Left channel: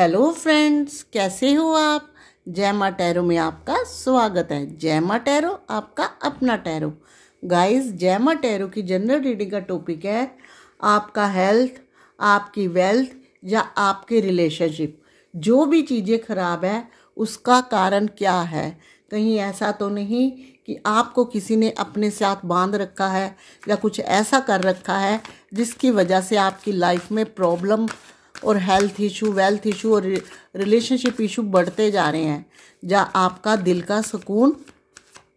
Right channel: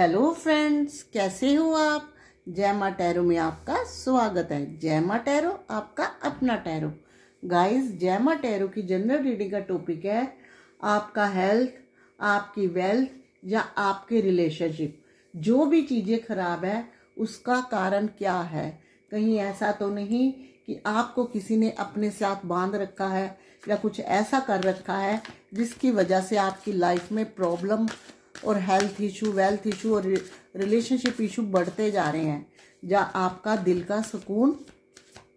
Hello friends, कैसे हो आप। जय माँ टैरो में आपका स्वागत है। जय माँ टैरो, आपका अपना टैरो। गाइस, जय माँ टैरो की जनरल रीडिंग का टॉपिक है आपका हेल्थ, आपकी वेल्थ या आपके रिलेशनशिप। जो भी चीज़ें खराब है उसका कारण क्या है। कहीं ऐसा तो नहीं कि आपको किसी ने अपने साथ बांध रखा है या कुछ ऐसा कर रखा है जिसकी वजह से आपकी लाइफ में प्रॉब्लम और हेल्थ इशू, वेल्थ इशू और रिलेशनशिप इशू बढ़ते जा रहे हैं, जहाँ आपका दिल का सुकून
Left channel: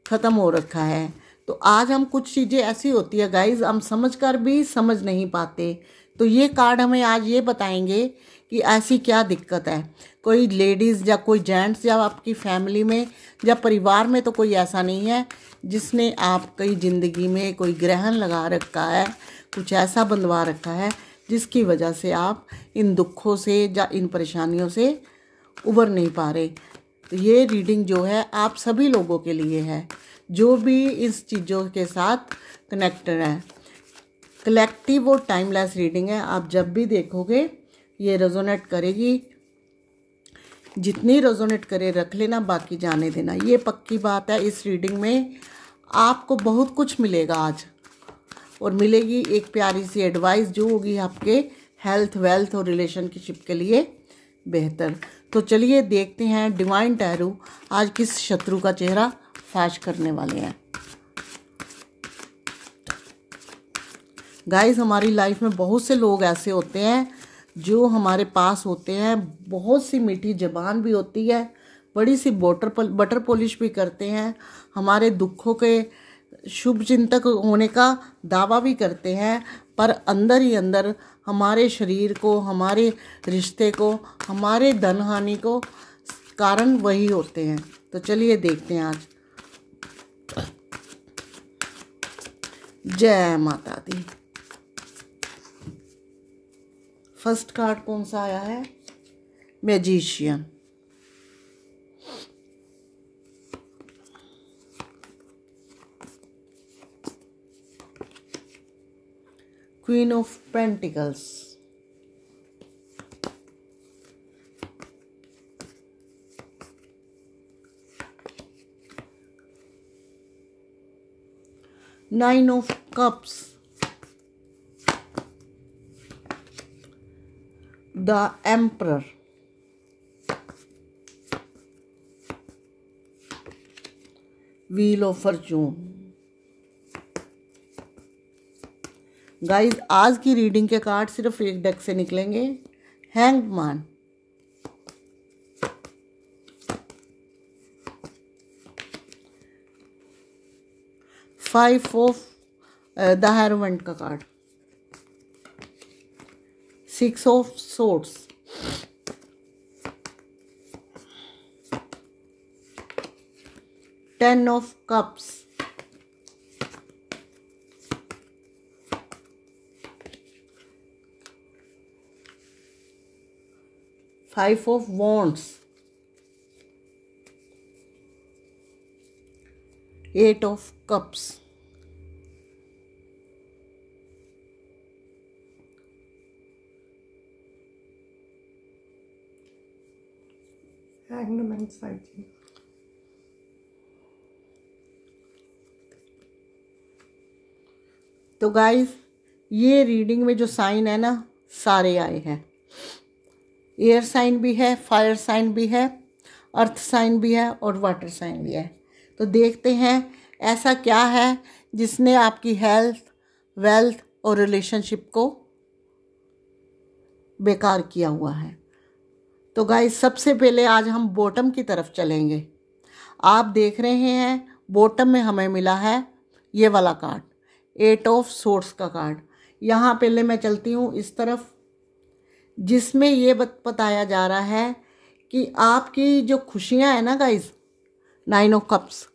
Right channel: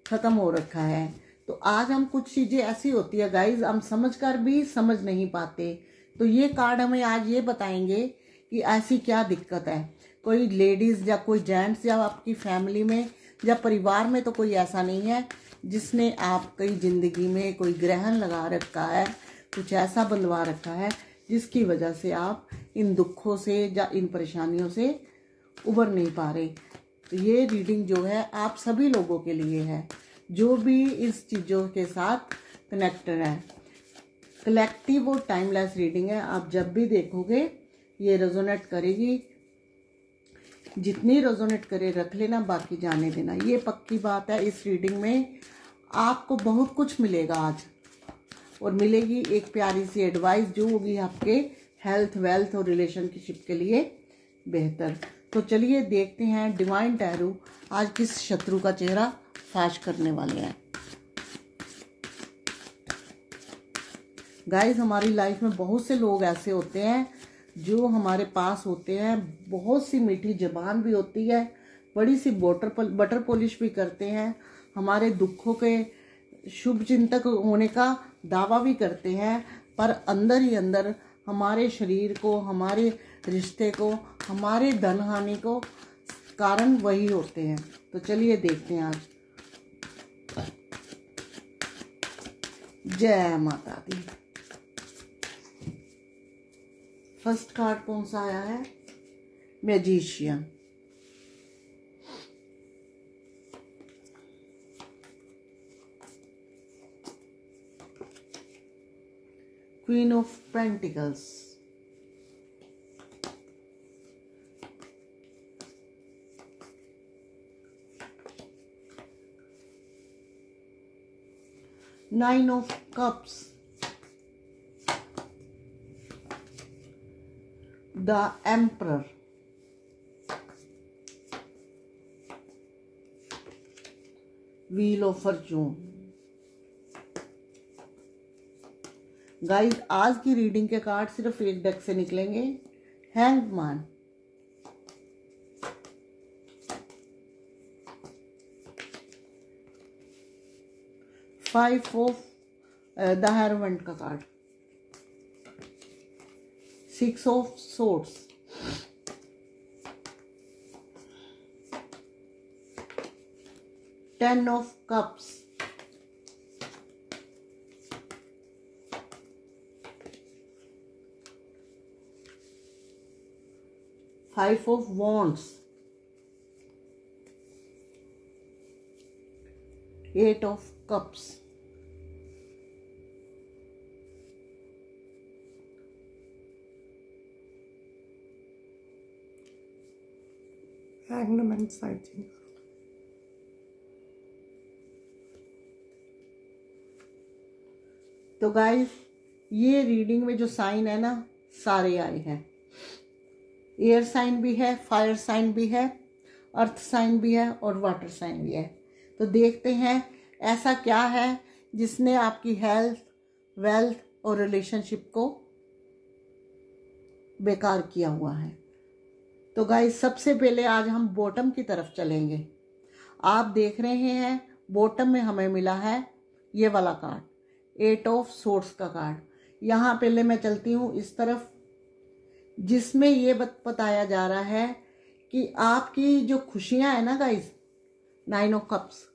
ख़त्म हो रखा है। तो आज हम कुछ चीज़ें ऐसी होती है गाइज, हम समझकर भी समझ नहीं पाते। तो ये कार्ड हमें आज ये बताएंगे कि ऐसी क्या दिक्कत है। कोई लेडीज़ या कोई जेंट्स या आपकी फैमिली में या परिवार में तो कोई ऐसा नहीं है जिसने आपकी ज़िंदगी में कोई ग्रहण लगा रखा है, कुछ ऐसा बंधवा रखा है जिसकी वजह से आप इन दुखों से या इन परेशानियों से उबर नहीं पा रहे। तो ये रीडिंग जो है आप सभी लोगों के लिए है जो भी इस चीज़ों के साथ कनेक्टेड है। कलेक्टिव और टाइमलेस रीडिंग है। आप जब भी देखोगे ये रेजोनेट करेगी। जितनी रेजोनेट करे रख लेना, बाकी जाने देना। ये पक्की बात है, इस रीडिंग में आपको बहुत कुछ मिलेगा आज, और मिलेगी एक प्यारी सी एडवाइस जो होगी आपके हेल्थ, वेल्थ और रिलेशनशिप के लिए बेहतर। तो चलिए देखते हैं डिवाइन टैरो आज किस शत्रु का चेहरा फाश करने वाले हैं। गाइस, हमारी लाइफ में बहुत से लोग ऐसे होते हैं जो हमारे पास होते हैं, बहुत सी मीठी ज़बान भी होती है, बड़ी सी बटर पॉलिश भी करते हैं, हमारे दुखों के शुभ चिंतक होने का दावा भी करते हैं, पर अंदर ही अंदर हमारे शरीर को, हमारे रिश्ते को, हमारे धन हानि को कारण वही होते हैं। तो चलिए देखते हैं आज। जय माता दी। फर्स्ट कार्ड कौन सा आया है? Magician. Queen of pentacles. Nine of cups. The emperor. Wheel of Fortune. Guys, आज की रीडिंग के कार्ड सिर्फ एक डेक से निकलेंगे। Hanged man. Five of the hierophant का card. Six of swords. Ten of cups. Five of wands. Eight of cups. Hangman side. तो guys, ये रीडिंग में जो साइन है ना, सारे आए हैं। एयर साइन भी है, फायर साइन भी है, अर्थ साइन भी है और वाटर साइन भी है। तो देखते हैं ऐसा क्या है जिसने आपकी हेल्थ, वेल्थ और रिलेशनशिप को बेकार किया हुआ है। तो गाइस, सबसे पहले आज हम बॉटम की तरफ चलेंगे। आप देख रहे हैं बॉटम में हमें मिला है ये वाला कार्ड, एट ऑफ सोर्ड्स का कार्ड। यहाँ पहले मैं चलती हूँ इस तरफ, जिसमें ये बताया जा रहा है कि आपकी जो खुशियाँ हैं ना गाइस, नाइन ऑफ कप्स,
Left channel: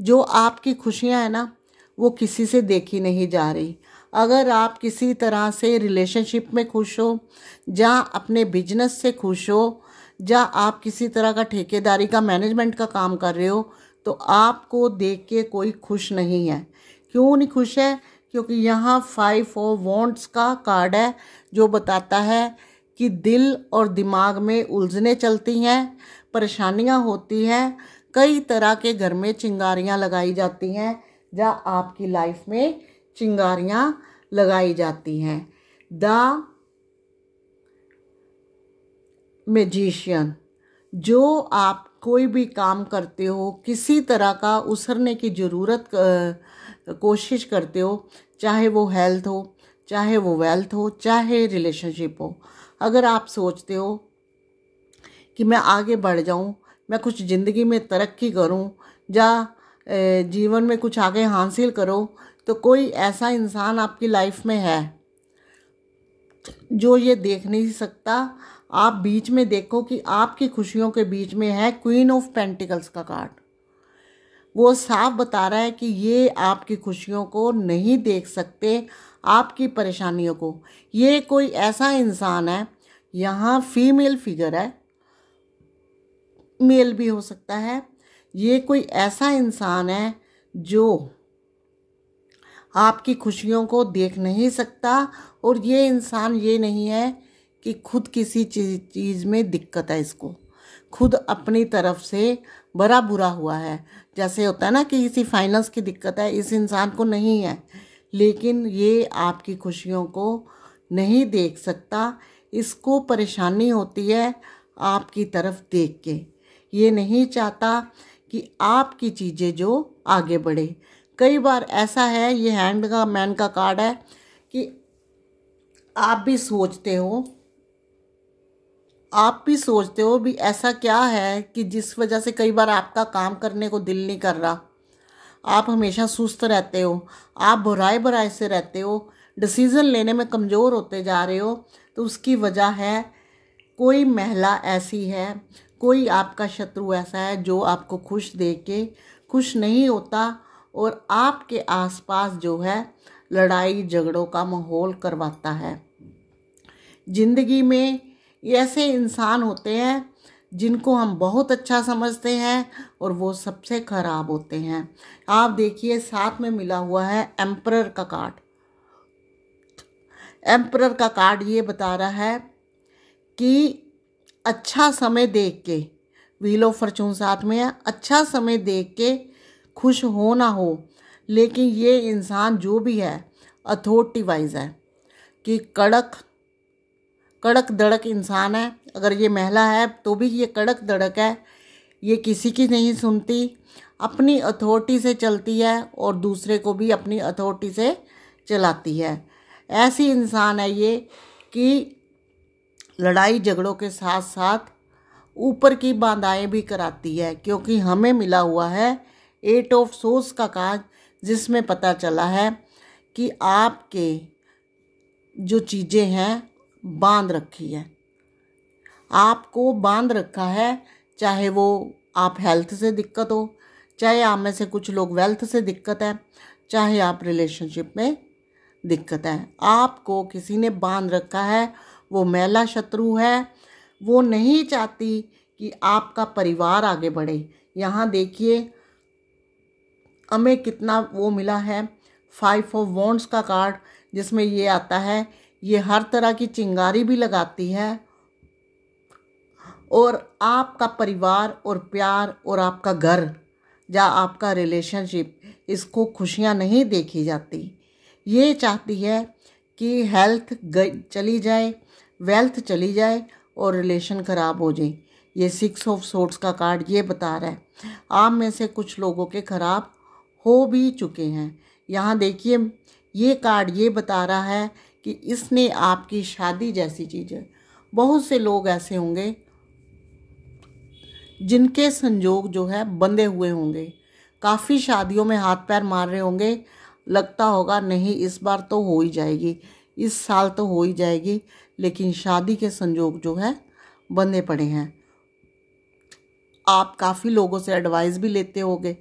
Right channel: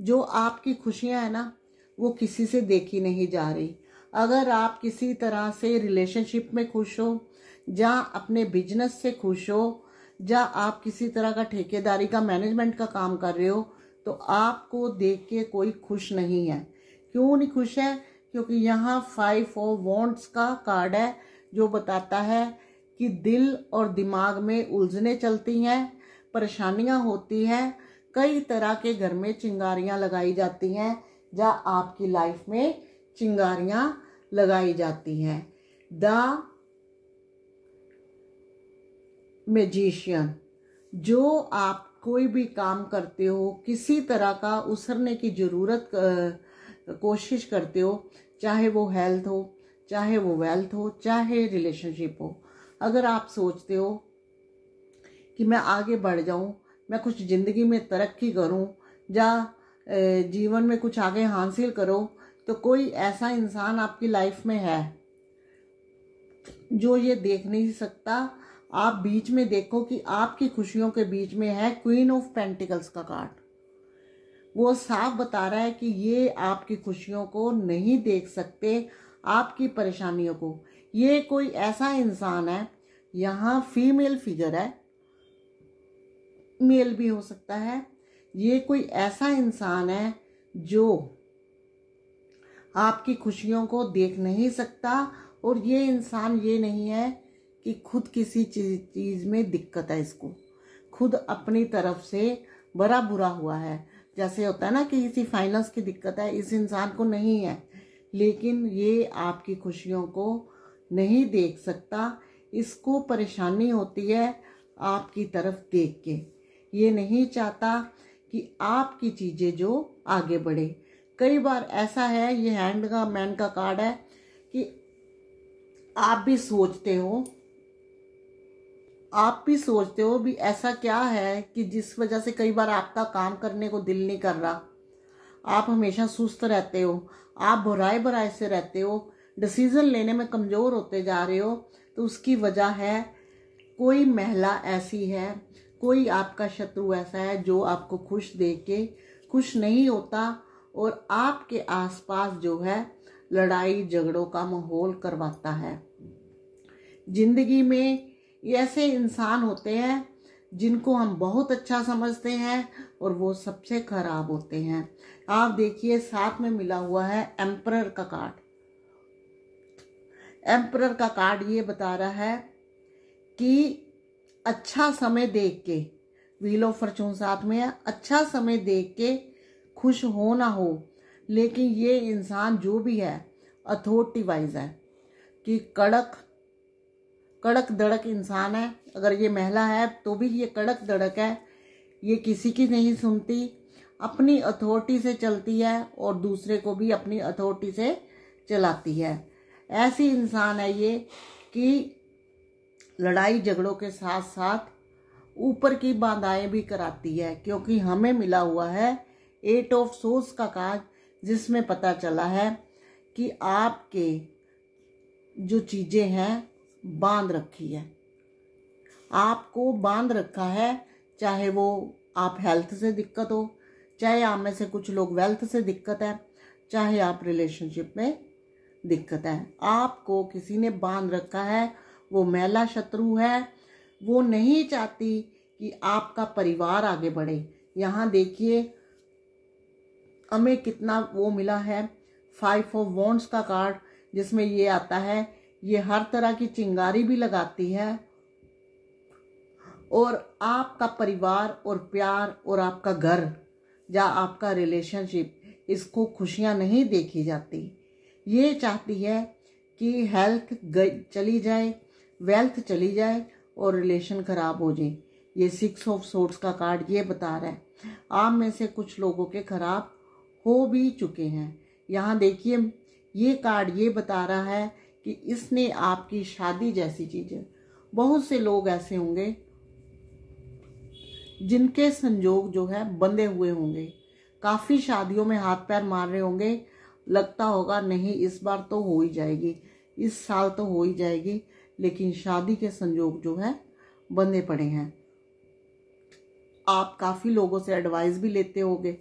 जो आपकी खुशियाँ हैं ना वो किसी से देखी नहीं जा रही। अगर आप किसी तरह से रिलेशनशिप में खुश हो, जहाँ अपने बिजनेस से खुश हो, जहाँ आप किसी तरह का ठेकेदारी का, मैनेजमेंट का काम कर रहे हो, तो आपको देख के कोई खुश नहीं है। क्यों नहीं खुश है? क्योंकि यहाँ फाइव ऑफ वॉन्ड्स का कार्ड है जो बताता है कि दिल और दिमाग में उलझने चलती हैं, परेशानियां होती हैं, कई तरह के घर में चिंगारियां लगाई जाती हैं, जहाँ आपकी लाइफ में चिंगारियां लगाई जाती हैं। द मैजिशियन, जो आप कोई भी काम करते हो, किसी तरह का उसरने की ज़रूरत कोशिश करते हो, चाहे वो हेल्थ हो, चाहे वो वेल्थ हो, चाहे रिलेशनशिप हो, अगर आप सोचते हो कि मैं आगे बढ़ जाऊं, मैं कुछ ज़िंदगी में तरक्की करूं, या जीवन में कुछ आगे हासिल करो, तो कोई ऐसा इंसान आपकी लाइफ में है जो ये देख नहीं सकता। आप बीच में देखो कि आपकी खुशियों के बीच में है क्वीन ऑफ पेंटिकल्स का कार्ड। वो साफ बता रहा है कि ये आपकी खुशियों को नहीं देख सकते, आपकी परेशानियों को। ये कोई ऐसा इंसान है, यहाँ फीमेल फिगर है, मेल भी हो सकता है। ये कोई ऐसा इंसान है जो आपकी खुशियों को देख नहीं सकता, और ये इंसान ये नहीं है कि खुद किसी चीज़ में दिक्कत है, इसको खुद अपनी तरफ से बड़ा बुरा हुआ है। जैसे होता है ना कि किसी फाइनेंस की दिक्कत है, इस इंसान को नहीं है, लेकिन ये आपकी खुशियों को नहीं देख सकता। इसको परेशानी होती है आपकी तरफ देख के। ये नहीं चाहता कि आपकी चीज़ें जो आगे बढ़े। कई बार ऐसा है, ये हैंड का मैन का कार्ड है, कि आप भी सोचते हो भी ऐसा क्या है कि जिस वजह से कई बार आपका काम करने को दिल नहीं कर रहा, आप हमेशा सुस्त रहते हो, आप भराए से रहते हो, डिसीज़न लेने में कमज़ोर होते जा रहे हो। तो उसकी वजह है कोई महिला ऐसी है, कोई आपका शत्रु ऐसा है जो आपको खुश देख के खुश नहीं होता, और आपके आसपास जो है लड़ाई झगड़ों का माहौल करवाता है। जिंदगी में ऐसे इंसान होते हैं जिनको हम बहुत अच्छा समझते हैं, और वो सबसे खराब होते हैं। आप देखिए, साथ में मिला हुआ है एम्परर का कार्ड। एम्परर का कार्ड ये बता रहा है कि अच्छा समय देख के, व्हील ऑफ फॉर्चून साथ में है, अच्छा समय देख के खुश हो ना हो, लेकिन ये इंसान जो भी है अथॉरिटी वाइज है, कि कड़क धड़क इंसान है। अगर ये महिला है तो भी ये कड़क धड़क है, ये किसी की नहीं सुनती, अपनी अथॉरिटी से चलती है, और दूसरे को भी अपनी अथॉरिटी से चलाती है। ऐसी इंसान है ये कि लड़ाई झगड़ों के साथ साथ ऊपर की बाधाएं भी कराती है, क्योंकि हमें मिला हुआ है 8 ऑफ सोर्स का कार्ड, जिसमें पता चला है कि आपके जो चीज़ें हैं बांध रखी है, आपको बांध रखा है। चाहे वो आप हेल्थ से दिक्कत हो, चाहे आप में से कुछ लोग वेल्थ से दिक्कत है, चाहे आप रिलेशनशिप में दिक्कत है, आपको किसी ने बांध रखा है। वो महिला शत्रु है, वो नहीं चाहती कि आपका परिवार आगे बढ़े। यहाँ देखिए हमें कितना वो मिला है, 5 ऑफ वॉन्ड्स का कार्ड, जिसमें ये आता है ये हर तरह की चिंगारी भी लगाती है, और आपका परिवार और प्यार और आपका घर या आपका रिलेशनशिप, इसको खुशियाँ नहीं देखी जाती। ये चाहती है कि हेल्थ चली जाए, वेल्थ चली जाए, और रिलेशन ख़राब हो जाए। ये 6 ऑफ सोर्ड्स का कार्ड ये बता रहा है आप में से कुछ लोगों के ख़राब हो भी चुके हैं। यहाँ देखिए ये कार्ड ये बता रहा है कि इसने आपकी शादी जैसी चीज़ें, बहुत से लोग ऐसे होंगे जिनके संजोग जो है बंधे हुए होंगे, काफ़ी शादियों में हाथ पैर मार रहे होंगे, लगता होगा नहीं इस बार तो हो ही जाएगी, इस साल तो हो ही जाएगी, लेकिन शादी के संजोग जो है बंधे पड़े हैं। आप काफ़ी लोगों से एडवाइस भी लेते होंगे,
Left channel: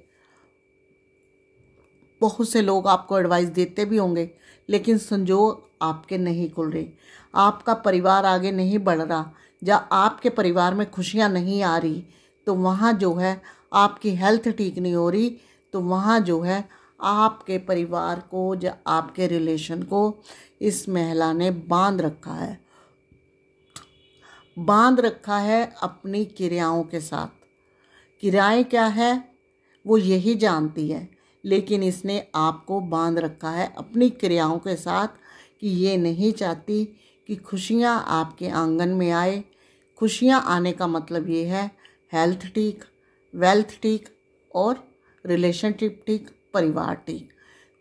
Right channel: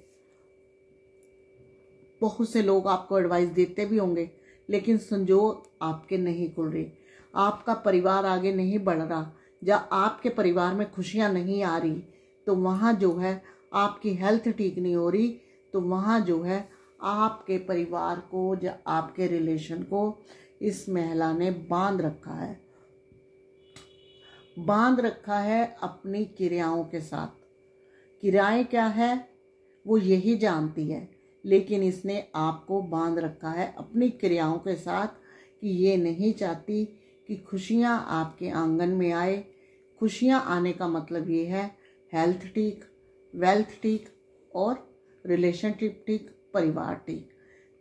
बहुत से लोग आपको एडवाइस देते भी होंगे, लेकिन संजोग आपके नहीं खुल रहे, आपका परिवार आगे नहीं बढ़ रहा, या आपके परिवार में खुशियाँ नहीं आ रही, तो वहाँ जो है आपकी हेल्थ ठीक नहीं हो रही, तो वहाँ जो है आपके परिवार को या आपके रिलेशन को इस महिला ने बांध रखा है। बांध रखा है अपनी क्रियाओं के साथ। क्रियाएं क्या है वो यही जानती है, लेकिन इसने आपको बांध रखा है अपनी क्रियाओं के साथ कि ये नहीं चाहती कि खुशियाँ आपके आंगन में आए। खुशियाँ आने का मतलब ये है हेल्थ ठीक, वेल्थ ठीक और रिलेशनशिप ठीक, परिवार ठीक।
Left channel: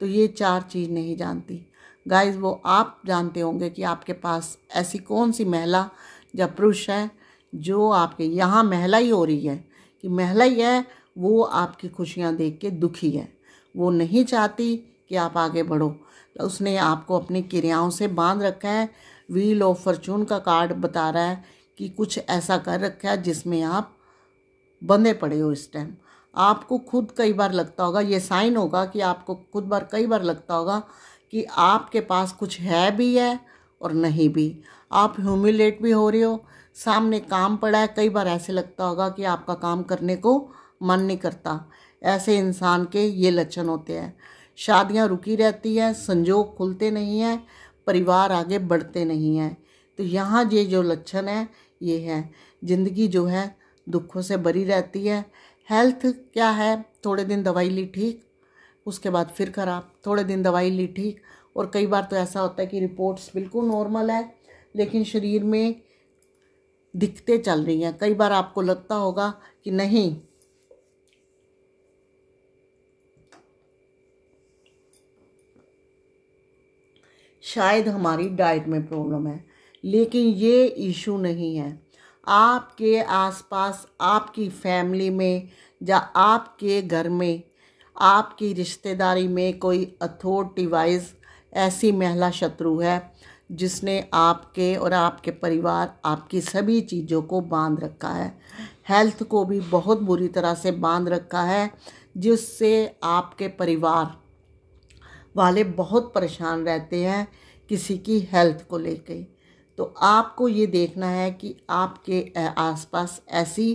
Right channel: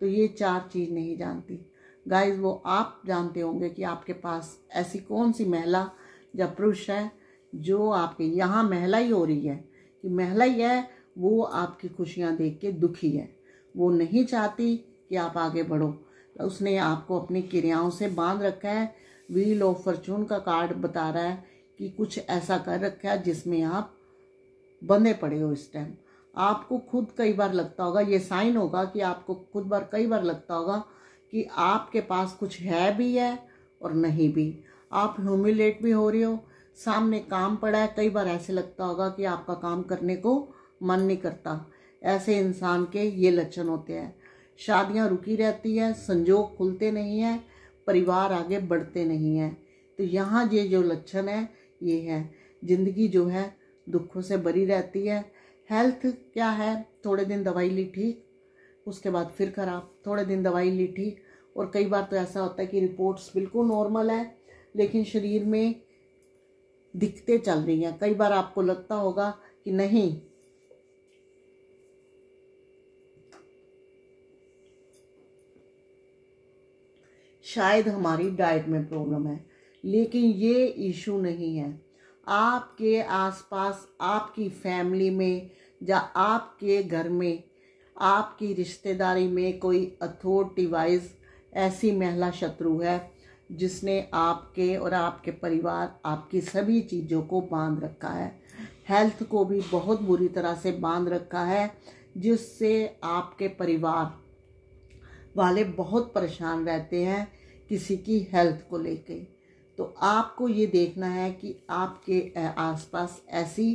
तो ये 4 चीज़ नहीं जानती। गाइस वो आप जानते होंगे कि आपके पास ऐसी कौन सी महिला या पुरुष है जो आपके यहाँ महिला ही हो रही है कि महिला ही है, वो आपकी खुशियाँ देख के दुखी है, वो नहीं चाहती कि आप आगे बढ़ो। तो उसने आपको अपनी क्रियाओं से बांध रखा है। व्हील ऑफ फॉर्चून का कार्ड बता रहा है कि कुछ ऐसा कर रखा है जिसमें आप बंधे पड़े हो इस टाइम। आपको खुद कई बार लगता होगा, ये साइन होगा कि आपको खुद कई बार लगता होगा कि आपके पास कुछ है भी है और नहीं भी। आप ह्यूमिलेट भी हो रहे हो, सामने काम पड़ा है, कई बार ऐसे लगता होगा कि आपका काम करने को मन नहीं करता। ऐसे इंसान के ये लक्षण होते हैं। शादियां रुकी रहती हैं, संजोग खुलते नहीं हैं, परिवार आगे बढ़ते नहीं हैं। तो यहाँ ये जो लक्षण है ये है। ज़िंदगी जो है दुखों से भरी रहती है। हेल्थ क्या है, थोड़े दिन दवाई ली ठीक, उसके बाद फिर खराब, थोड़े दिन दवाई ली ठीक, और कई बार तो ऐसा होता है कि रिपोर्ट्स बिल्कुल नॉर्मल है लेकिन शरीर में दिक्कतें चल रही हैं। कई बार आपको लगता होगा कि नहीं, शायद हमारी डाइट में प्रॉब्लम है, लेकिन ये इशू नहीं है। आपके आसपास, आपकी फैमिली में या आपके घर में, आपकी रिश्तेदारी में कोई अथॉरिटी वाइज ऐसी महिला शत्रु है जिसने आपके और आपके परिवार, आपकी सभी चीज़ों को बांध रखा है। हेल्थ को भी बहुत बुरी तरह से बांध रखा है, जिससे आपके परिवार वाले बहुत परेशान रहते हैं किसी की हेल्थ को लेके। तो आपको ये देखना है कि आपके आसपास ऐसी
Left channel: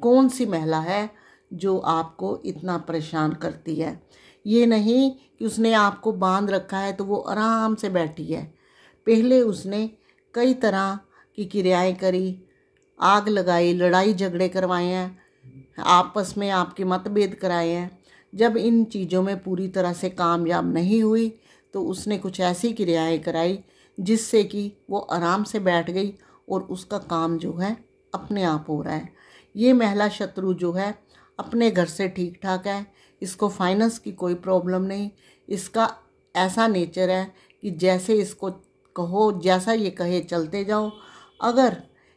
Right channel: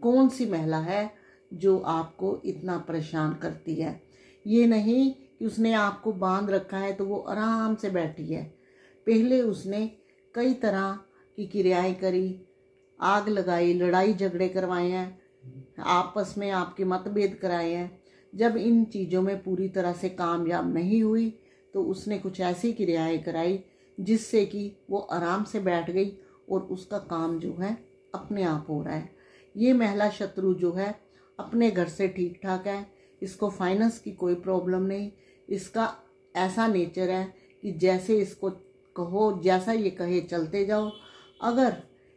कौन सी महिला है जो आपको इतना परेशान करती है। ये नहीं कि उसने आपको बांध रखा है तो वो आराम से बैठी है। पहले उसने कई तरह की क्रियाएं करी, आग लगाई, लड़ाई झगड़े करवाए हैं, आपस में आपके मतभेद कराए हैं। जब इन चीज़ों में पूरी तरह से कामयाब नहीं हुई तो उसने कुछ ऐसी क्रियाएं कराई जिससे कि वो आराम से बैठ गई और उसका काम जो है अपने आप हो रहा है। ये महिला शत्रु जो है अपने घर से ठीक ठाक है, इसको फाइनेंस की कोई प्रॉब्लम नहीं। इसका ऐसा नेचर है कि जैसे इसको कहो, जैसा ये कहे चलते जाओ। अगर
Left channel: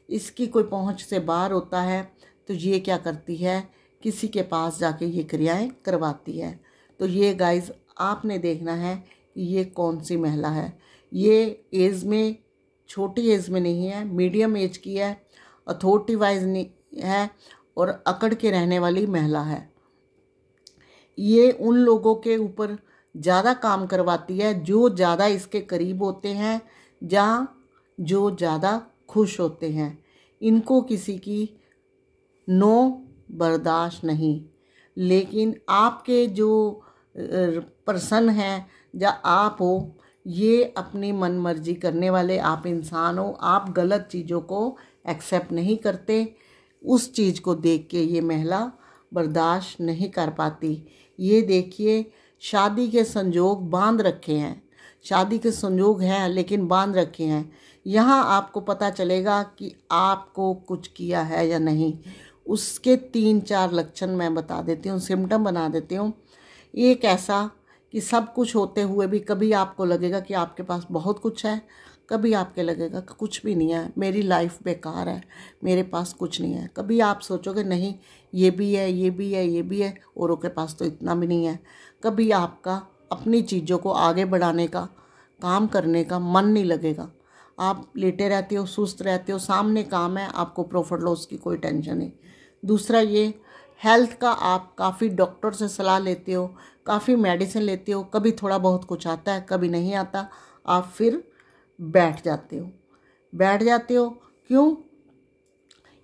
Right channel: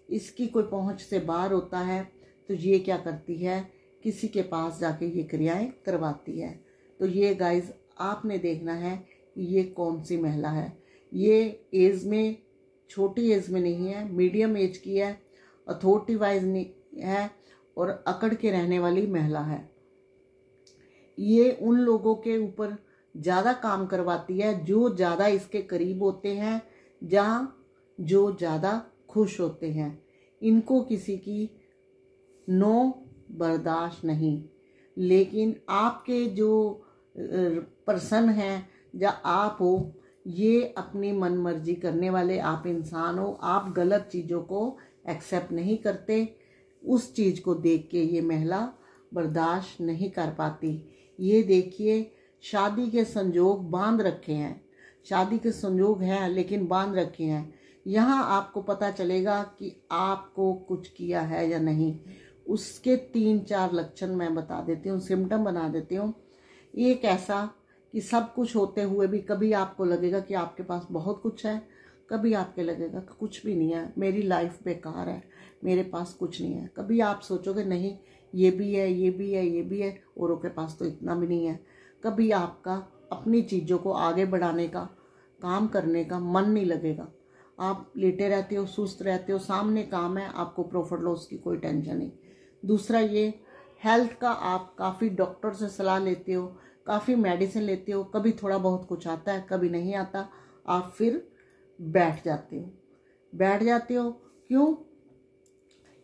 इसकी कोई पहुंच से बाहर होता है तो ये क्या करती है, किसी के पास जाके ये क्रियाएं करवाती है। तो ये गाइस आपने देखना है कि ये कौन सी महिला है। ये एज में, छोटी एज में नहीं है, मीडियम एज की है, अथॉरिटी वाइज नहीं है और अकड़ के रहने वाली महिला है। ये उन लोगों के ऊपर ज़्यादा काम करवाती है जो ज़्यादा इसके करीब होते हैं या जो ज़्यादा खुश होते हैं। इनको किसी की नो बर्दाश्त नहीं। लेकिन आपके जो पर्सन हैं या आप हो, ये अपनी मन मर्जी करने वाले आप इंसान हो। आप गलत चीज़ों को एक्सेप्ट नहीं करते। उस चीज़ को देख के ये महिला बर्दाश्त नहीं कर पाती। ये देखिए, शादी के संजोग बांध रखे हैं, शादी के संजोग हैं लेकिन बांध रखे हैं। यहाँ आपको पता चलेगा कि आपको कुछ किया है या नहीं। उसके 3-4 लक्षण मैं बता देती हूँ, सिम्टम बना देती हूँ। एक ऐसा कि सब कुछ होते हुए भी कभी आपको लगेगा कि आपके पास बहुत कुछ है, कभी आपके लगेगा कि कुछ भी नहीं है, मेरी लाइफ बेकार है, मेरे पास कुछ नहीं है। कभी आप सोचोगे नहीं, ये भी है, ये भी है, ये भी है, औरों के पास तो इतना भी नहीं है। कभी आपका अपनी चीज़ों को आगे बढ़ाने का, काम करने का मन नहीं लगेगा। आप लेटे रहते हो, सुस्त रहते हो, सामने काम है, आपको प्रॉफिट लॉस की कोई टेंशन नहीं। दूसरा ये हेल्थ का, आप काफ़ी डॉक्टर से सलाह लेते हो, काफ़ी मेडिसिन लेते हो, कभी थोड़ा बहुत कुछ आता है, कभी नहीं आता, आप फिर बैठ जाते हो। क्यों?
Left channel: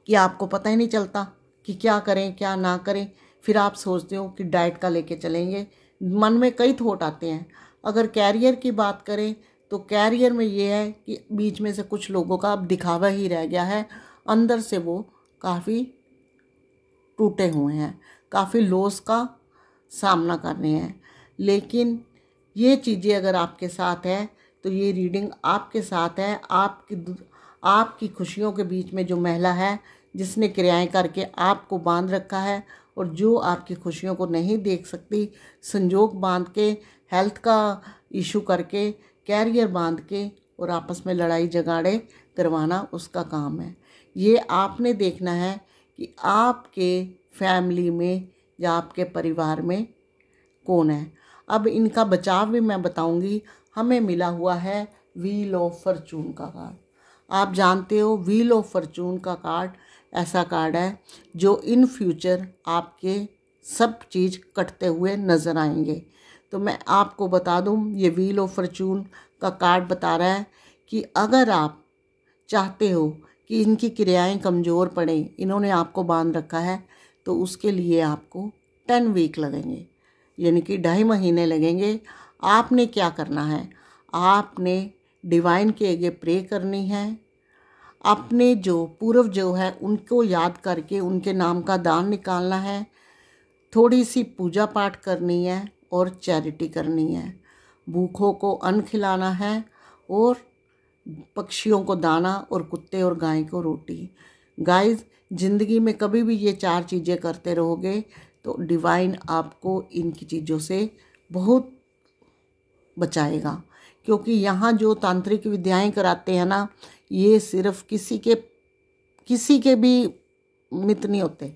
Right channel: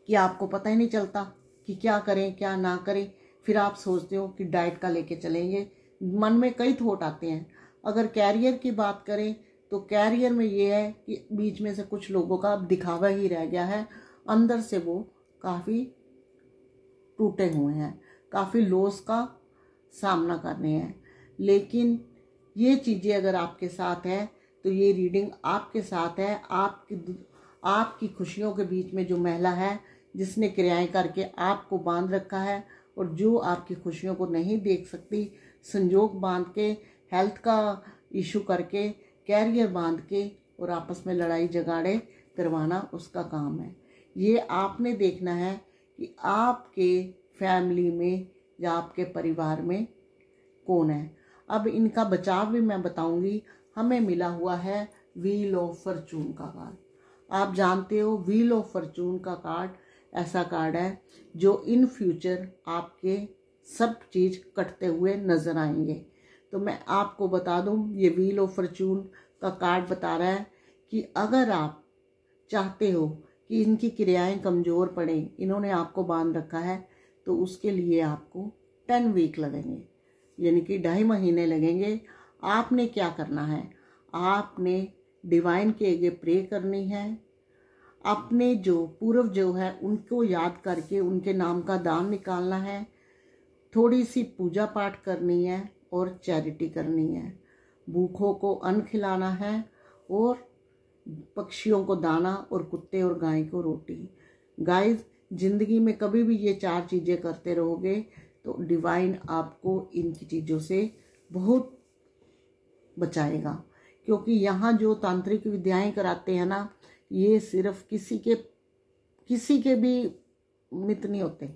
कि आपको पता ही नहीं चलता कि क्या करें क्या ना करें। फिर आप सोचते हो कि डाइट का लेके चलेंगे। मन में कई थॉट आते हैं। अगर कैरियर की बात करें तो कैरियर में ये है कि बीच में से कुछ लोगों का अब दिखावा ही रह गया है। अंदर से वो काफ़ी टूटे हुए हैं, काफ़ी लॉस का सामना कर रहे हैं। लेकिन ये चीज़ें अगर आपके साथ है तो ये रीडिंग आपके साथ है। आपकी खुशियों के बीच में जो महिला है जिसने क्रियाएं करके आपको बांध रखा है और जो आपकी खुशियों को नहीं देख सकती, संजोग बांध के, हेल्थ का इशू करके, कैरियर बांध के और आपस में लड़ाई झगड़े करवाना उसका काम है। ये आपने देखना है कि आपके फैमिली में या आपके परिवार में कौन है। अब इनका बचाव भी मैं बताऊंगी। हमें मिला हुआ है व्हील ऑफ फॉर्चून का कार्ड। आप जानते हो व्हील ऑफ फॉर्चून का कार्ड ऐसा कार्ड है जो इन फ्यूचर आपके सब चीज़ कटते हुए नज़र आएंगे। तो मैं आपको बता दूं, ये व्हील ऑफ फॉर्चून का कार्ड बता रहा है कि अगर आप चाहते हो कि इनकी क्रियाएं कमज़ोर पड़ें, इन्होंने आपको बांध रखा है, तो उसके लिए आपको 10 वीक लगेंगे, यानी कि 2.5 महीने लगेंगे। आपने क्या करना है, आपने डिवाइन के आगे प्रे करनी है, अपने जो पूर्व जो है उनको याद करके उनके नाम का दान निकालना है, थोड़ी सी पूजा पाठ करनी है और चैरिटी करनी है, भूखों को अन्न खिलाना है और पक्षियों को दाना और कुत्ते और गाय को रोटी। गाइस, ज़िंदगी में कभी भी ये 4 चीज़ें करते रहोगे तो डिवाइन आपको इनकी चीज़ों से बहुत बचाएगा। क्योंकि यहाँ जो तांत्रिक विद्याएं कराते हैं ना, ये सिर्फ किसी के भी मित्र नहीं होते,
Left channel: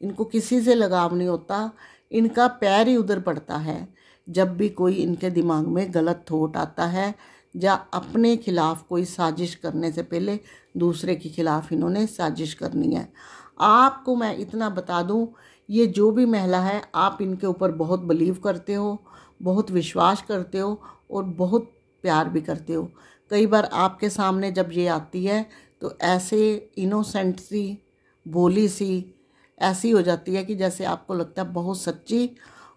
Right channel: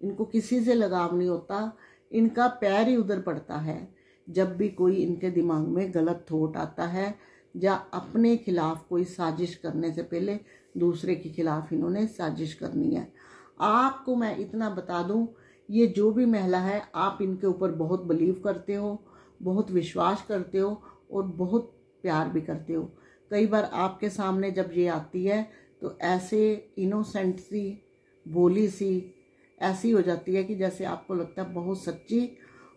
इनको किसी से लगाव नहीं होता, इनका पैर ही उधर पड़ता है जब भी कोई इनके दिमाग में गलत थॉट आता है या अपने खिलाफ कोई साजिश करने से पहले दूसरे के खिलाफ इन्होंने साजिश करनी है। आपको मैं इतना बता दूं, ये जो भी महिला है आप इनके ऊपर बहुत बिलीव करते हो, बहुत विश्वास करते हो और बहुत प्यार भी करते हो। कई बार आपके सामने जब ये आती है तो ऐसे इनोसेंट सी, भोली सी ऐसी हो जाती है कि जैसे आपको लगता है बहुत सच्ची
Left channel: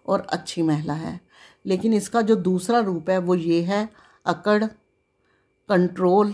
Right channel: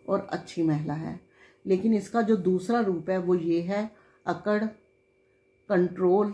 और अच्छी महिला है। लेकिन इसका जो दूसरा रूप है वो ये है अकड़, कंट्रोल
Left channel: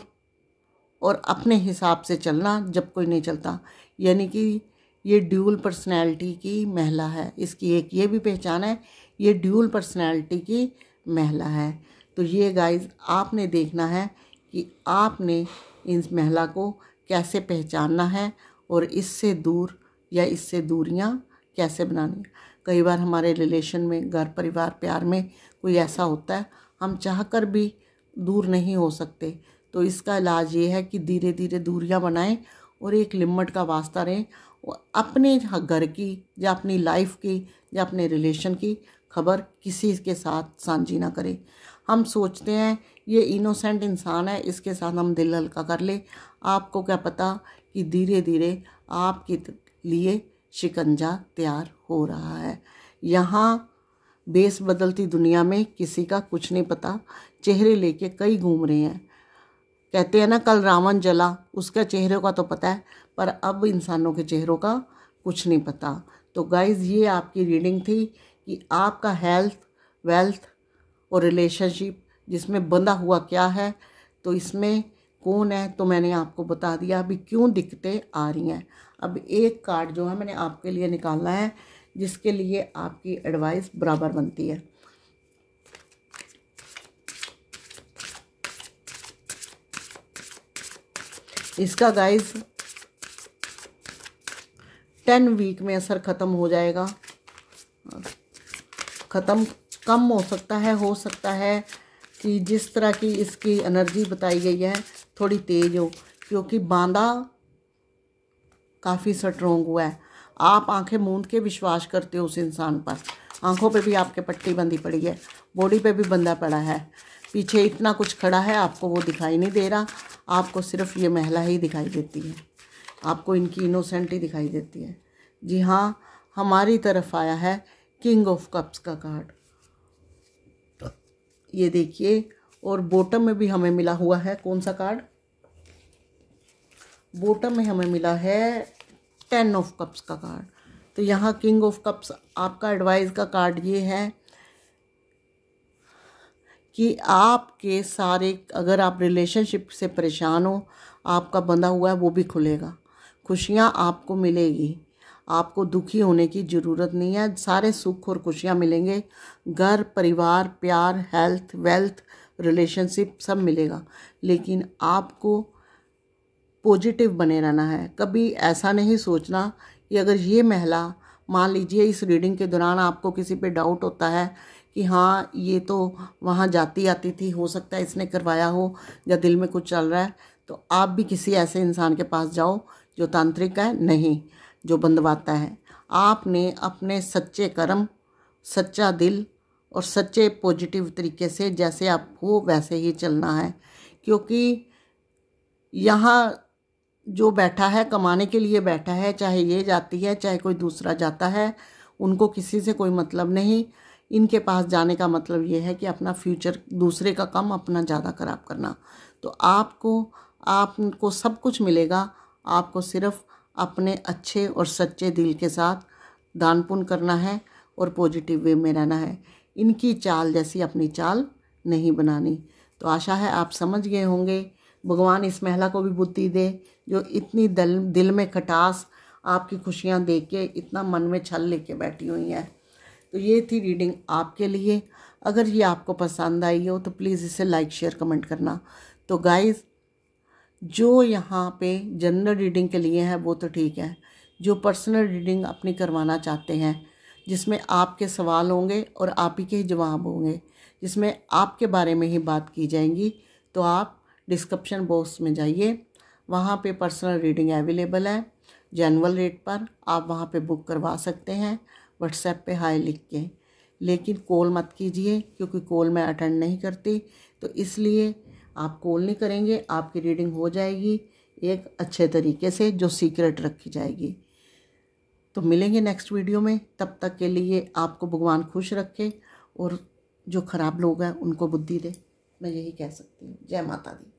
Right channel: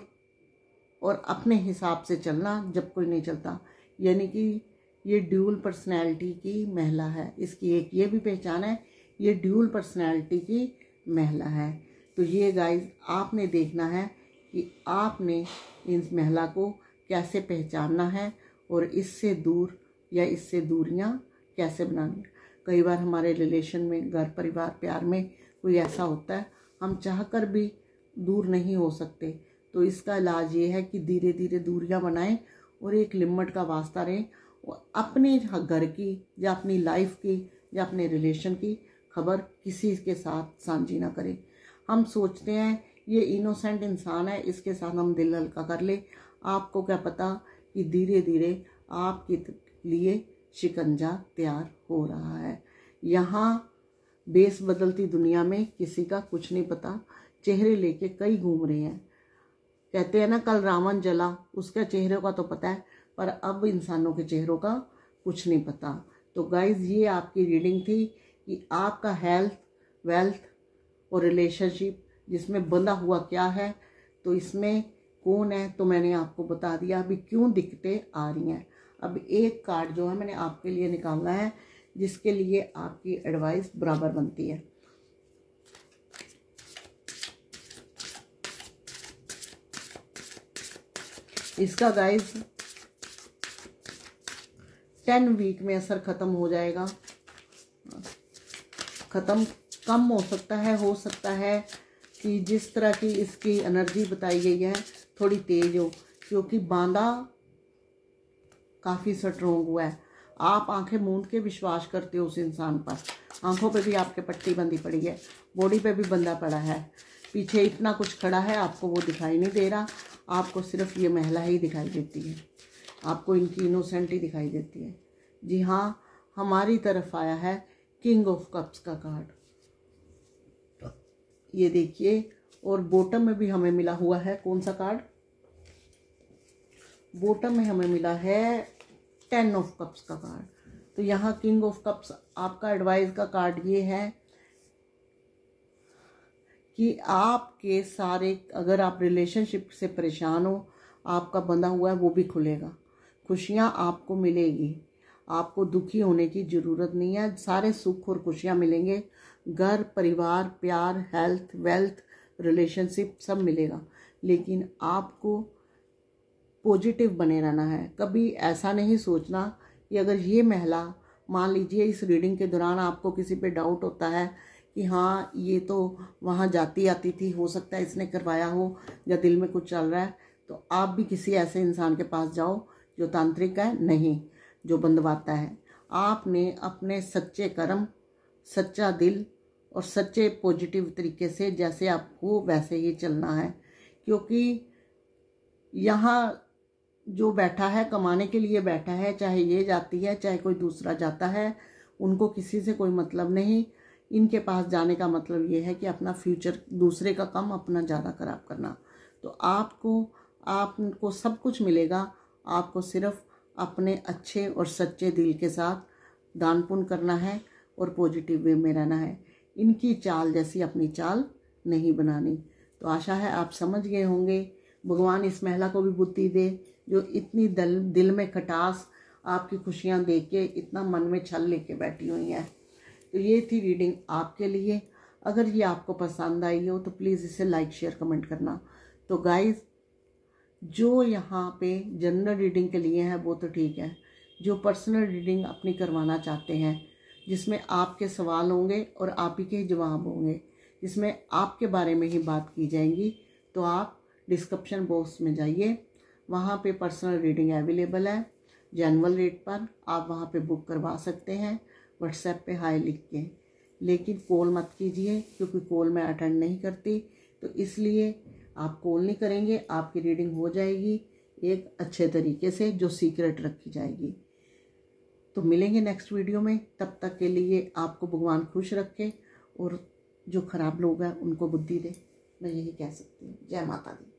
और अपने हिसाब से चलना जब कोई नहीं चलता। यानी कि ये ड्यूल पर्सनैलिटी की महिला है। इसकी एक ये भी पहचान है, ये ड्यूल पर्सनैलिटी की महिला है। तो ये गाइस आपने देखना है कि आपने इस महिला को कैसे पहचानना है और इससे दूर या इससे दूरियां कैसे बनानी। कई बार हमारे रिलेशन में, घर परिवार प्यार में कोई ऐसा होता है हम चाहकर भी दूर नहीं हो सकते, तो इसका इलाज ये है कि धीरे धीरे दूरियां बनाएं और एक लिमिट का वास्ता रहें। अपने घर की या अपनी लाइफ की या अपने रिलेशन की खबर किसी के साथ साझी ना करें। हम सोचते हैं ये इनोसेंट इंसान है, इसके साथ हम दिल हल्का कर ले। आपको क्या पता कि धीरे धीरे आपके लिए शिकंजा तैयार हो रहा है। यहाँ बेस बदलती दुनिया में किसी का कुछ नहीं पता, चेहरे लेके कई घूम रहे हैं। कहते हैं ना, कल रावण जला, उसके चेहरे का तो पता है पर अब इंसानों के चेहरों का कुछ नहीं पता। तो गाइज़, ये आपकी रीडिंग थी कि आपका हेल्थ, वेल्थ और रिलेशनशिप जिसमें बंधा हुआ क्या है, तो इसमें कौन है तो मैंने आपको बता दिया। अभी क्यों दिक्कतें आ रही हैं, अब एक कार्ड जो है मैंने आपके लिए निकालना है जिसके लिए आपकी एडवाइस बराबर बनती है। इसका गाइस 10 वीक में असर ख़त्म हो जाएगा। ख़त्म कम हो सकता है कि जिस तरह की इसकी एनर्जी बताई गई है थोड़ी तेज हो, क्योंकि बांधा काफ़ी स्ट्रोंग हुआ है। आप आंखें मूंद के विश्वास करते हो उस इंसान पर, आंखों पे भी आपके पट्टी बंधी पड़ी है, बॉडी पे भी बंधा पड़ा है, पीछे इतना कुछ खड़ा है, आपको वो दिखाई नहीं दे रहा। आपको सिर्फ ये महिला ही दिखाई देती है, आपको इनकी इनोसेंट ही दिखाई देती है। जी हाँ, हमारी तरफ आया है किंग ऑफ कप्स का कार्ड, ये देखिए। और बॉटम में भी हमें मिला हुआ है कौन सा कार्ड, बॉटम में हमें मिला है 10 ऑफ कप्स का कार्ड। तो यहाँ किंग ऑफ कप्स आपका एडवाइस का कार्ड ये है कि आपके सारे, अगर आप रिलेशनशिप से परेशान हो, आपका बंधा हुआ है वो भी खुलेगा। खुशियाँ आपको मिलेगी, आपको दुखी होने की ज़रूरत नहीं है। सारे सुख और खुशियाँ मिलेंगे, घर परिवार प्यार हेल्थ वेल्थ रिलेशनशिप सब मिलेगा। लेकिन आपको पॉजिटिव बने रहना है। कभी ऐसा नहीं सोचना कि अगर ये महिला, मान लीजिए इस रीडिंग के दौरान आपको किसी पे डाउट होता है कि हाँ ये तो वहाँ जाती आती थी, हो सकता है इसने करवाया हो, या दिल में कुछ चल रहा है, तो आप भी किसी ऐसे इंसान के पास जाओ जो तांत्रिक है, नहीं जो बंदवाता है। आपने अपने सच्चे कर्म, सच्चा दिल और सच्चे पॉजिटिव तरीके से जैसे आप हो वैसे ही चलना है। क्योंकि यहाँ जो बैठा है कमाने के लिए बैठा है, चाहे ये जाती है चाहे कोई दूसरा जाता है, उनको किसी से कोई मतलब नहीं। इनके पास जाने का मतलब ये है कि अपना फ्यूचर, दूसरे का कम अपना ज़्यादा खराब करना। तो आपको सब कुछ मिलेगा, आपको सिर्फ अपने अच्छे और सच्चे दिल के साथ दान पुण्य करना है और पॉजिटिव वे में रहना है। इनकी चाल जैसी अपनी चाल नहीं बनानी। तो आशा है आप समझ गए होंगे। भगवान इस महिला को भी बुद्धि दे जो इतनी दिल में खटास, आपकी खुशियाँ देख के इतना मन में छल लेके बैठी हुई है। तो ये थी रीडिंग आपके लिए। अगर ये आपको पसंद आई हो तो प्लीज़ इसे लाइक शेयर कमेंट करना। तो गाइज़, जो यहाँ पे जनरल रीडिंग के लिए है वो तो ठीक है, जो पर्सनल रीडिंग अपनी करवाना चाहते हैं, जिसमें आपके सवाल होंगे और आप ही के जवाब होंगे, जिसमें आपके बारे में ही बात की जाएंगी, तो आप डिस्क्रिप्शन बॉक्स में जाइए, वहाँ पे पर्सनल रीडिंग अवेलेबल है जनरल रेट पर। आप वहाँ पे बुक करवा सकते हैं व्हाट्सएप पे हाय लिख के। लेकिन कॉल मत कीजिए क्योंकि कॉल मैं अटेंड नहीं करती, तो इसलिए आप कॉल नहीं करेंगे, आपकी रीडिंग हो जाएगी एक अच्छे तरीके से जो सीक्रेट रखी जाएगी। तो मिलेंगे नेक्स्ट वीडियो में, तब तक के लिए आपको भगवान खुश रखे और जो ख़राब लोग हैं उनको बुद्धि दे, मैं यही कह सकती हूँ। जय माता दी।